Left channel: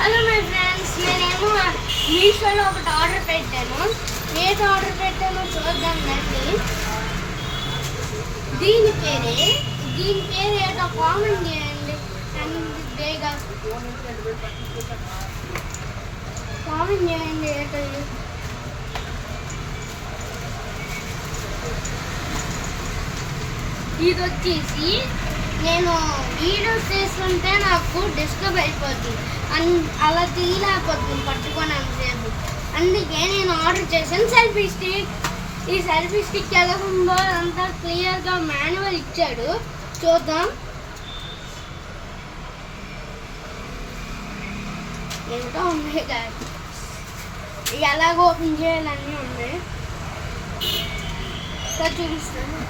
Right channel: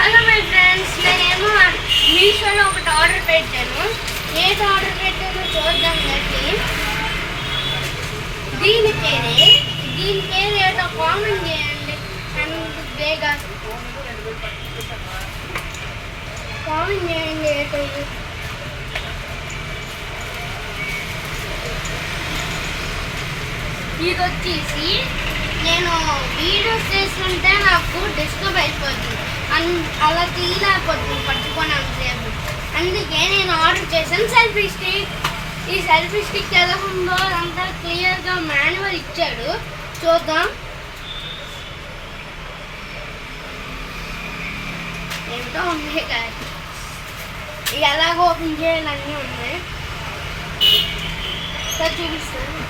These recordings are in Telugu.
హలో మై ఫ్రెండ్స్, నేనేమో మీషోలో ఒకటి ఆర్డర్ పెట్టాను. ఏది ఆర్డర్ పెట్టానో చూద్దాం. దీని పేరు ఏదో కామెంట్ చేయండి. అండ్ బేగా కామెంట్ చేయండి. ఏదో ఇది వచ్చేసి నేను వీడియోస్ చేస్తుంటే నాకు డిస్టర్బ్ అయిపోతుంది, అలా తీయలేకపోతుంది పట్టుకొని అంతసేపు. అందుకే నేను ఆర్డర్ చేశాను సెల్ఫీ స్టిక్. ఈ సెల్ఫీ స్టిక్ ఎలా ఉందో అంతా క్లియర్గా మాన్యువల్ ఇచ్చాడు. చూద్దాం. ఏంటో ఉన్నాయి కదా, ఎలాగ ఓపెన్ చేయాలన్నీ ఉన్నాయి. సార్ చూపిస్తాను,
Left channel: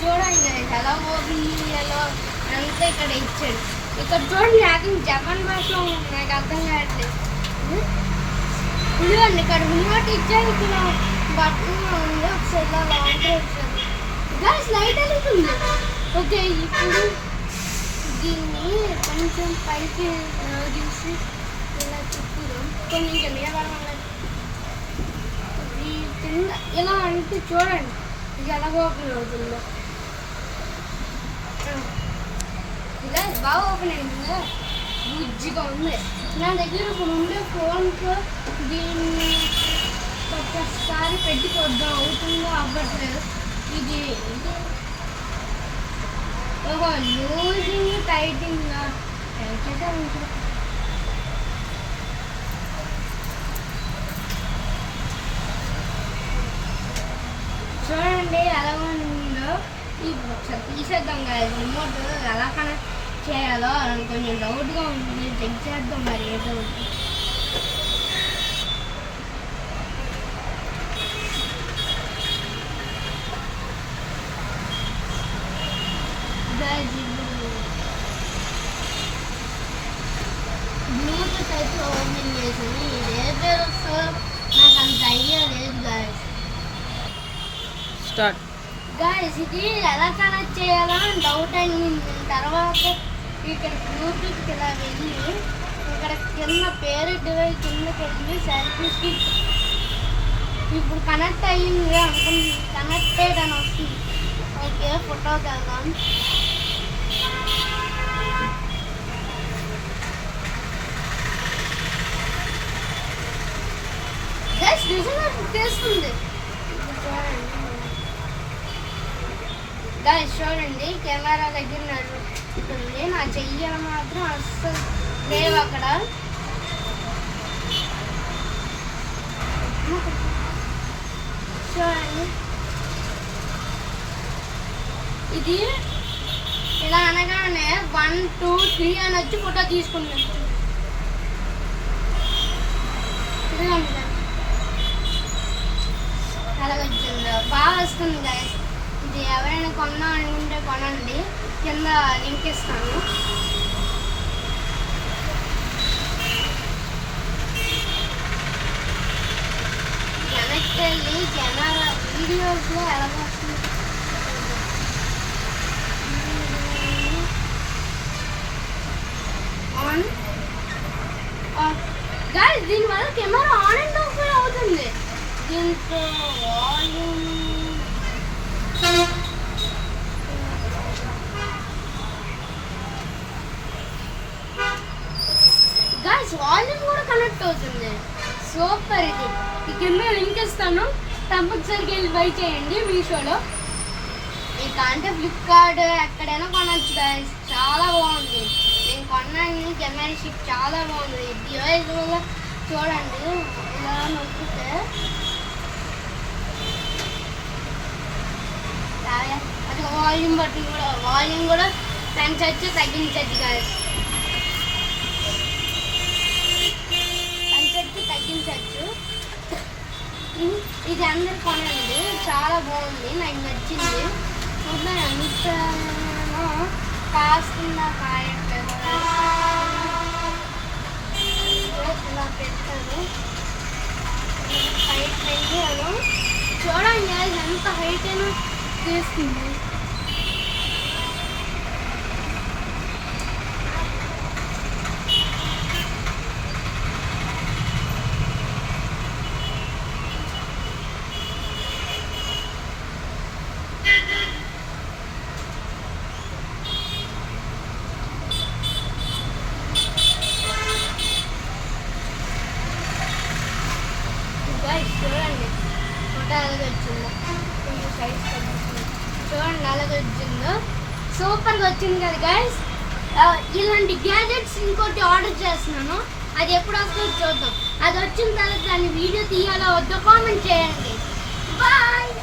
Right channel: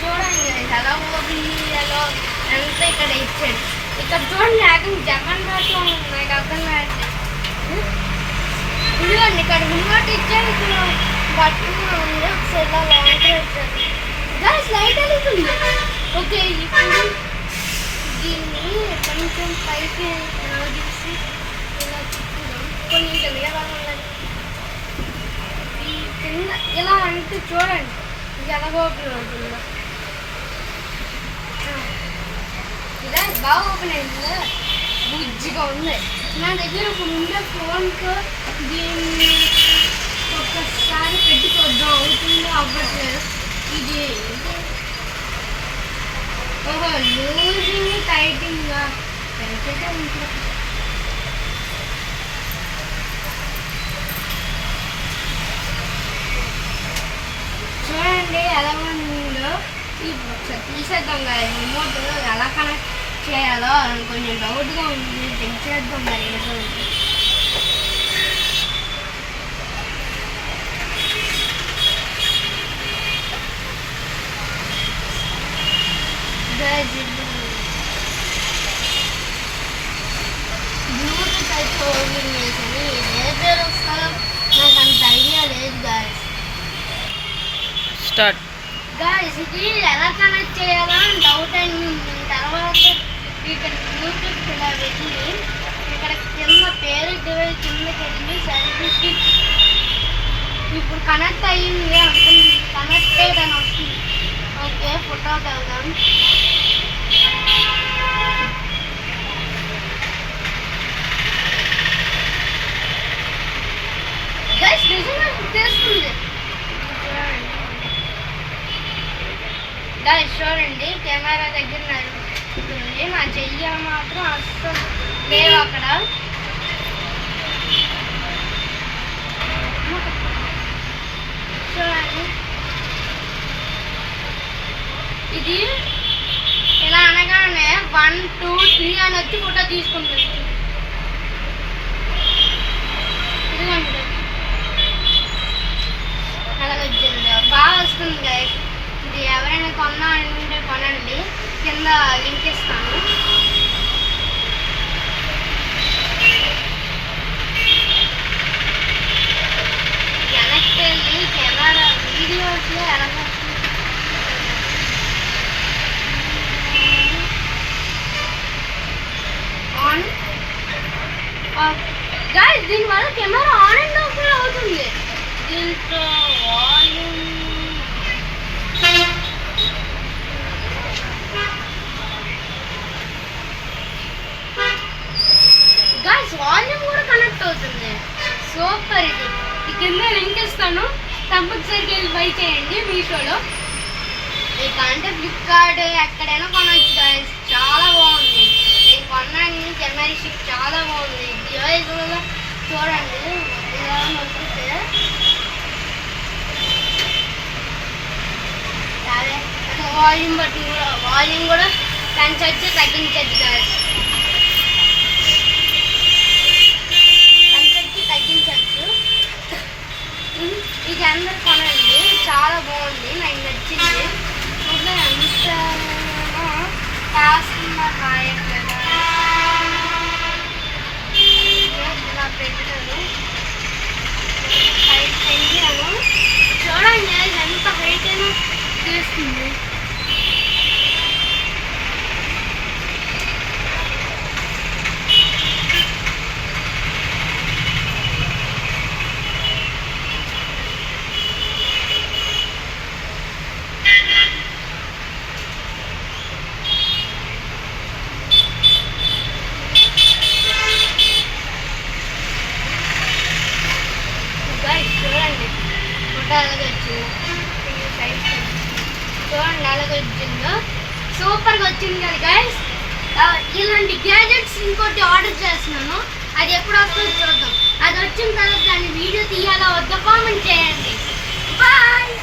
చూడండి ఎలా ఓపెన్ చేయాలో అంతా ఇక్కడ ఇచ్చాడు. ఇక్కడ చూడండి, లేకుండా జపాన్ భాషలో నాకు అర్థం కావట్లేదు. ఇదిగోండి ఇక్కడ రిమోట్ ఇచ్చాడు, ఇక్కడ బటన్ ఉంది, ఒకసారి ఇలా లాంగ్ పెట్టాను. గ్యాస్ లైట్ వెళ్తుంది. ఓకే, ఇప్పుడు దీన్ని కొంచెం పైకి తీసి ఇలా తిప్పుదాం. కొంచెం ఎలా ఉండాలి ఈ కింద ఇలా అంటే చూడండి ఇది ఎలా ఓపెన్ అవుతుందో. ఇలా బాగా ఓపెన్ అయింది, బుజ్జిగా ఉంది. నా దగ్గర ఇప్పుడు ఉండే ఫోన్కు దీన్ని ఒక్కసారి పెట్టి చూద్దాం, అవుతుందో అవ్వట్లేదు. ఇది ఓహో, లూజింగ్ టైటింగ్గా టైట్గా ఉంటుంది. చూడండి ఎలా ఉందో. ఒకసారి తీసేద్దాం కదా, రిమోట్ ఎలా కనెక్ట్ చేయాలో అని కొంచెం డౌట్గా ఉంది. చెక్ చేద్దాం మరి ఏదో. బ్లూటూత్ అయితే ఓపెన్ చేసింది. ఏ పేరు వస్తుందో నాకు అంత ఐడియా లేదు గాయస్. స్టార్ట్ గాయస్, ఇది ఎలా కనెక్ట్ చేయాలో అని డౌట్ అనిపింది. తర్వాత ఇక్కడ బ్లూటూత్ ఇలా వెళ్ళి ఇక్కడ కింద పేరు డివైస్ కిందకి వెళ్ళి సెల్ఫీ స్టిక్ ఇప్పుడు కనెక్ట్ అయ్యింది అనుకుంది. కనెక్టెడ్ అని వస్తుంది. ఓకే, ఫోటోకి వెళ్దాం. గైస్ నిజంగా చేస్తుంది. గైస్ చూడండి, కెమెరా దగ్గర నడుస్తుంది. నా చెయ్యి మాత్రం అస్సలు లేవు అక్కడ. చూడండి, ఇది ఇలా అనగానే 1 2 3 అని వచ్చి ఫోటో తీసుకుంటుంది. ఇదిగోండి అలాగ వచ్చింది, బాగా వస్తుంది గైస్. ఇది ఎవరైనా కొన్నా అనుకుంటే కొనండి, కింద లింక్ ఇస్తాను. వెనక్కి వెళ్ళి కెమెరా వీడియోస్లో ఎలా వస్తుంది ఆన్ ఆఫ్. గైస్ దీనివల్ల కెమెరా ఆన్ అండ్ ఆఫ్ కూడా అవుతుంది. దీంతో వాల్యూమ్ గైస్ వాల్యూమ్ కూడా కనెక్ట్ అవుతుంది. సూపర్. ఇది ఈ కింద లింక్ ఇస్తాను, కంపల్సరీగా వెళ్ళి బై చేయండి మీషోలో. ఇక అంటే ఫ్లిప్కార్ట్ ఎక్కడైనా కొనవచ్చు గైస్. చాలా బాగుంది. నేను కొన్నాను కెమెరా స్టిక్, చాలా బాగుంది. డివైస్ కూడా చూడండి, ఇలా నొక్కితే వాల్యూమ్ కూడా పెంచవచ్చు, తగ్గించవచ్చు గైస్. తగ్గించవచ్చు. ఇది అందరు కొనండి, చాలా బాగుంది, నాకు నచ్చింది. అంత కాస్తున్నా కాయట్లేదు. ఇలా పెట్టాను, హైట్ పెంచాను. చూడండి ఎంత హైట్ అయినా తీస్తుంది. అలాగే వచ్చిందో సైజ్ చూడండి అలాగే వచ్చిందో సూపర్గా వచ్చింది కదా గైస్. ఇలాంటి గ్యాజెట్స్ ఇంకోటి ఆర్డర్ చేస్తున్నాను, అది ఎప్పుడు వస్తుందో చూద్దాం. అది వచ్చిన తర్వాత దాన్ని వీడియో తీయాలా వద్దా కామెంట్ చేయండి. బాయ్.